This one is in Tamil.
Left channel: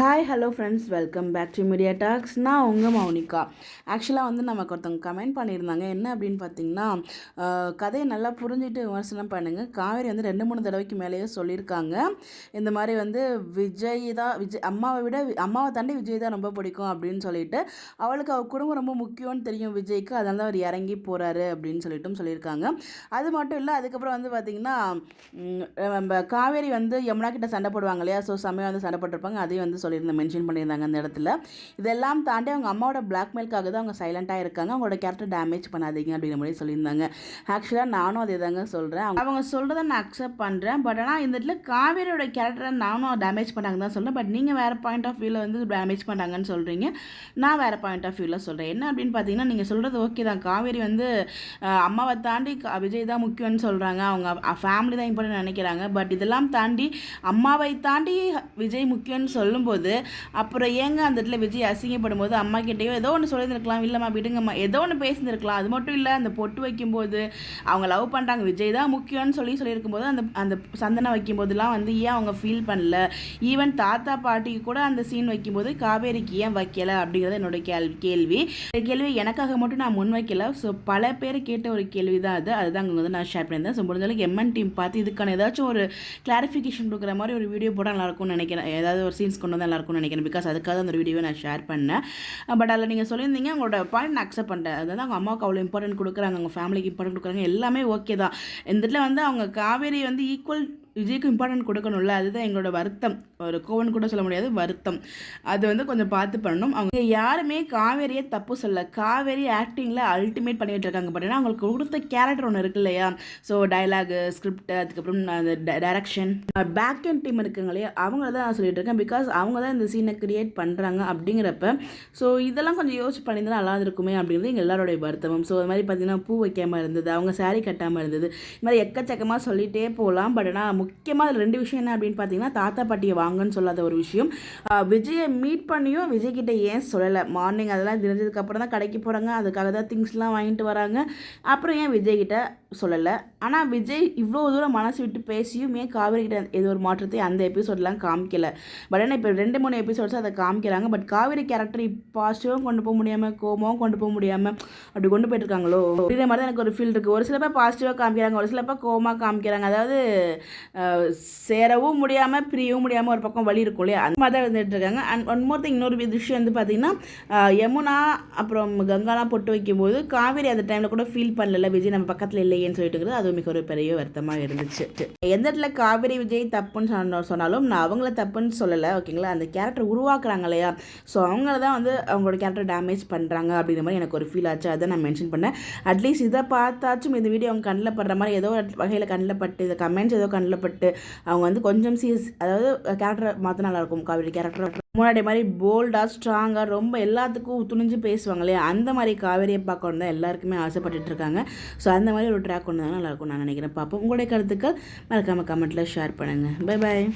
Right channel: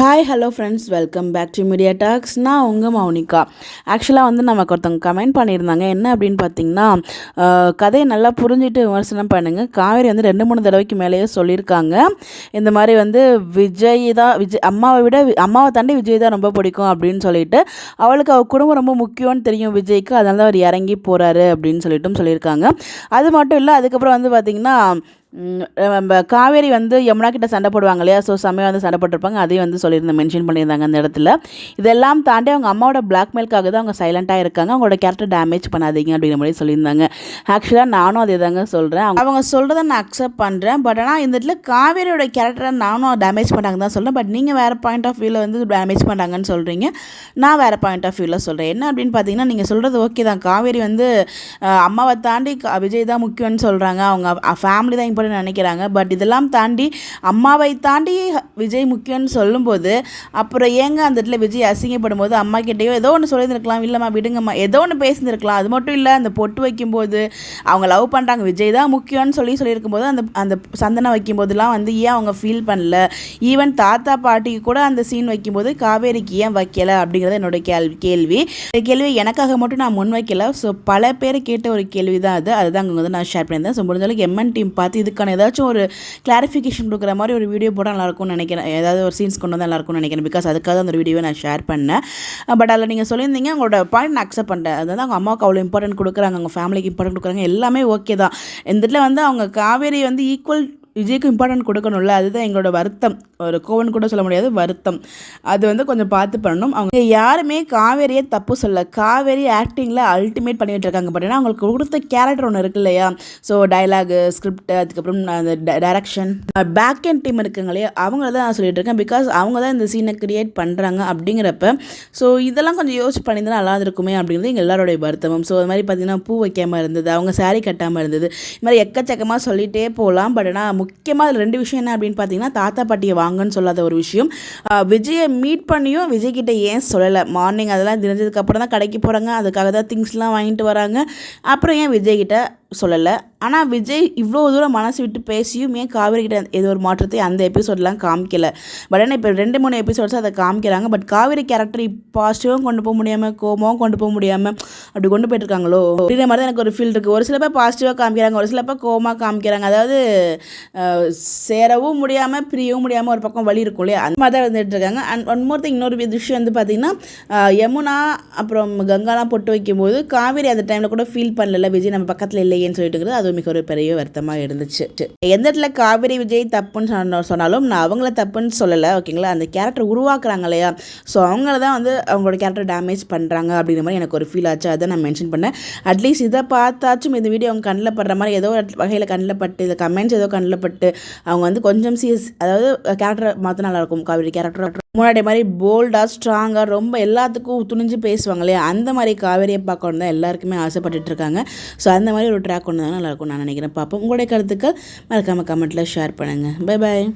Hi hello friends, welcome back to Media Talks. நான் உங்கள் மௌனிகா. ஆக்சுவலாக நமக்கு ஒருத்தவங்க கமெண்ட் பண்ணியிருந்தாங்க. என்ன அப்படின்னு பார்த்தீங்கன்னா, கதையை நல்லா புரிஞ்சுட்டு விமர்சனம் பண்ணுங்கள். காவேரி 2-3 தடவைக்கு மேலேயே சொல்லியிருக்காங்க. இந்த மாதிரி விஜய் அம்மாவை தாண்டி விஜய் தான் ரொம்ப பிடிக்கும் அப்படின்னு சொல்லிட்டு, அவளுக்கு அவள் குடும்பம் ரொம்ப முக்கியம்னு தெரியும் விஜய்க்கு, அதனால தான் அவர் இறங்கி போகிறாரு அப்படின்னு சொல்லியிருக்காங்க. அது மட்டும் இல்லை, அதுக்கப்புறம் பார்த்திங்கன்னா நம்ம காவேரி யமுனா கிட்ட சண்டை போடுவாங்க இல்லையா, ஸோ செம்மையாக சண்டை போட்டிருப்பாங்க. அதையும் மென்ஷன் பண்ணியிருந்தாங்க அந்த இடத்துல. இதெல்லாம் தாண்டி அவங்க அம்மாவோட பிளாக்மெயிலுக்காக தான் அவங்க சைலண்ட்டாக இருக்காங்க. அவங்களோட கேரக்டர் டேமேஜ் பண்ணாதீங்க அப்படிங்கிற மாதிரி சொல்லியிருந்தாங்க. ஆக்சுவலாக நானும் அதே தாங்க சொல்கிறேன். அவங்க சொல்கிறத நான் அக்செப்ட் பண்ணுறேன். பட் ஆனால் இந்த இடத்துல காவேரியோட கேரக்டரை நானும் டேமேஜ் பண்ணாங்க தான் சொல்கிறேன். பட் நீங்கள் வேறு பாயிண்ட் ஆஃப் வியூவில் டேமேஜ் பண்ணாங்கன்னு சொல்கிறீங்க. நான் வேறு பாயிண்ட் ஆஃப் வியூவில் சொல்கிறேன். என்ன அப்படின்னு பார்த்தீங்கன்னா, நீங்கள் சொல்கிறது ஓகே தான். காவேரி அம்மாவை தாண்டி விஜய் தான் முக்கியம்னு சொல்கிறாங்க. அவங்க ஃபேமிலி தான் நினைக்கிறாங்க. பட் இதெல்லாம் தாண்டி அம்மாவை தாண்டி விஜய் முக்கியம்னு சொல்லும்போது, அப்புறம் ஏங்க அந்த இடத்துல விஜய் அசிங்கப்படும் போது அம்மா கிட்டேயோ ஏதோ ஒன்று சொல்லியிருந்துருக்கலாம், இல்லைம்மா விடுங்கம்மா, ஏதோ ஒன்று பேசியிருந்துருக்கலாம். அது மட்டும் இல்லை, அந்த பொட்டு வைக்கும்போது அவங்க லவ் பண்ணுறாங்க, விஜய் தான் முக்கியம்னு சொல்லியிருக்கும் போது அந்த சந்தனம் வைக்கும்போதெல்லாம் ஏன் அவங்க ஃபீல் பண்ணல? ஈவன் தாத்தா பாட்டிக்கு கூட அந்த சீன் வைக்கும்போது காவேரிக்கு ஏன் வைக்கலை அப்படிங்கிறது என்னோட கேள்வி. இந்த கேள்வி எனக்காக மட்டும் நான் முன் வைக்கல. ஸோ பல பேர் கேட்ட ஒரு கேள்வி தான் அதுதான் அங்கே நான் ஷேர் பண்ணியிருந்தேன். ஸோ முடிஞ்சாலும் எம்என் டீம் பார்த்து இதுக்கான ஏதாச்சும் ஒரு கிளாரிஃபிகேஷன் கொடுக்குற மாதிரி ஒரு வீடியோ போட நல்லாயிருக்கும்னு நினைக்கிறேன். ஏதாவது ஒரு சீன்ஸ் கொண்டு வந்தால் நல்லாயிருக்கும்னு நினைக்கிறேன். பிகாஸ் அதுக்காக அந்த வீடியோவை நான் ஷேர் பண்ணேன். பட் அதில் நீங்கள் சொல்லியிருந்தீங்க, உங்களோட பாயிண்ட் நான் அக்செப்ட் பண்ணுறேன். அதாவது அவங்க அம்மாவுக்கு அவ்வளோ இம்பார்ட்டன்ட் கொடுக்குறாங்க, அவங்க ஃபேமிலிக்கு இம்பார்ட்டன்ட் கொடுக்குறாங்க, எல்லாமே ஓகே தான். இந்த இடத்துல அவங்க காவேரி ஈக்குவல் விஜய்க்கு இம்பார்ட்டன்ட் கொடுக்கணும்ல, அதுதான் எங்களோட வருத்தம். ஒரு கோவன் கூட சொல்ல முடியாது, வருத்தம். அது கொஞ்சம் பார்த்து பண்ணணும். அவங்க யாருமே காவேரியை தப்பு சொல்ல. காவேரி ஆக்டிங்கில் அல்டிமேட் பண்ணிகிட்டு இருக்காங்க. பட் அவங்களுக்கு கொடுத்த கேரக்டர் ஒன்று இருக்கு இல்லையா, ஸோ டைலாகு, ஸ்கிரிப்ட், அதுக்கப்புறம் அந்த டைரக்ஷன், பேக் அண்ட் டீம் இருக்குங்க இல்லையா, அவங்கள தான் நான் சொல்லிட்டு இருக்கேன். பிகாஸ் அவங்க தான் இந்த சீனை கிரியேட் பண்ணுறாங்க அப்படிங்கிறப்ப, ஸோ இதெல்லாம் கொஞ்சம் யோசிச்சு பண்ணியிருந்தால் நல்லா இருக்குமே அப்படிங்கிறது எங்கள் எல்லாரோடைய வருத்தமும். ஸோ அது மாதிரி பார்த்திங்கன்னா, பூ வைக்காமல் இருந்தது, அவங்க சாரீ கட்டாமல் இருந்தது, இது மாதிரி எக்கச்சக்கமாக சொல்லிகிட்டே போகலாம். பட் ஆனால் முக்கியமாக அதில் 2 விஷயம் என்ன அப்படின்னு பார்த்தீங்கன்னா, தாத்தா பாட்டியை வாங்கன்னு சொல்லாத ஒரு விஷயம். விஜயை மீட் பண்ணியும் விஜய்கிட்ட ஏன் சொல்லலை? மார்னிங் அதெல்லாம் தெரிஞ்சதுக்கப்புறம் தான் கடைக்கு போகிறாங்க, அதுக்காக தான் திங்ஸ்லாம் வாங்கிட்டு வராங்க. அப்புறம் ஏன் விஜய்கிட்ட சொல்லலை? ஆனால் விஜய் இவ்வளோ தூரம் மனசு விட்டு பேசியும் ஏன் காவேரி கிட்ட ஏதோ ஒரு மாற்றத்தை அந்த எபிசோடெலாம் காமிக்கலை? பட் ஆனால் இப்போ 2-3 எபிசோட்ஸ் அதை காமிக்கிறாங்க. பட் காவேரி கேரக்டர் பாசிட்டிவாகவும் கொண்டு போக முடியாமல், கோபமாகவும் கொண்டு போக முடியாமல் அப்படி கொண்டு போயிட்டுருக்காங்களோ அப்படின்ற மாதிரி தான் எனக்கு ஒரு ஃபீல் இருக்குது. ஒரு சில பேர் பாசிட்டிவாக காமிக்கிறாங்க, ஒரு சில பேர் கோபமாக காமிக்கிறாங்க. அதாவது சேரவும் முடியாமல் பிரியவும் முடியாமல் ஒரு பக்கம் வழி இருக்கும் இல்லையா, அந்த மாதிரி தான் வந்துட்டு இருக்காங்க. அண்ட் ஒன் மோர் திங், இன்னொரு விஷயம் பார்த்திங்கன்னா, யமுனா அப்புறம் கங்காலாம் பொட்டு வைக்கும்போது காவேரி அந்த டைமில் கூட ஃபீல் பண்ணல விஜய் நம்ம பக்கத்தில் இல்லையேன்னு சொல்லிட்டு இருக்கிறது. அது மிக ஒரு பெரிய வருத்தமாக இருந்துச்சு. எந்த இடத்துல காவேரி விஜய் தப்புன்னு சொன்னாலும் நான் அவங்கள தப்புன்னு சொல்லலை, ஓகேங்களா. அந்த கேரக்டர் உருவாக்குறாங்க இல்லையா, ஸோ அவங்கள தான் அவங்களோட கேரக்டர் டேமேஜ் பண்ணுறாங்க அப்படிங்கிற மாதிரி எனக்கு ஒரு ஃபீல் ஆச்சு. அதை நான் மென்ஷன் பண்ணேன். அட்லீஸ்ட் இதை பார்த்தாச்சும் இந்த வீடியோ அவங்க கண்ணில் படுற மாதிரி ஏதோ வகையில் கண்ணில் பட்டு, இந்த கமெண்ட்ஸ் ஏதோ கண்ணில் பட்டு அவங்க கொஞ்சம் அதாவது கேரக்டரை மாற்ற நல்லாயிருக்கும். காவேரி கேரக்டர் முன்னாடி மாதிரி போல்டாக, ஸ்ட்ராங்காக, ரொம்ப எல்லாத்துக்கும் துணிஞ்சு பேசுவாங்க இல்லையா, அந்த மாதிரி காவேரியை பார்க்கணும் தான் எல்லாருக்குமே ஆசைப்பட்டுட்டு இருக்காங்க. ஸோ அந்த மாதிரி ஒரு ட்ராக் ஒன்று தான் நல்லாயிருக்கும் நான் நினைக்கிறேன். பார்ப்போம். உங்களுடைய கருத்துக்கள் மறக்காமல் கமெண்ட்டில் ஷேர் பண்ணுங்கள். Bye bye.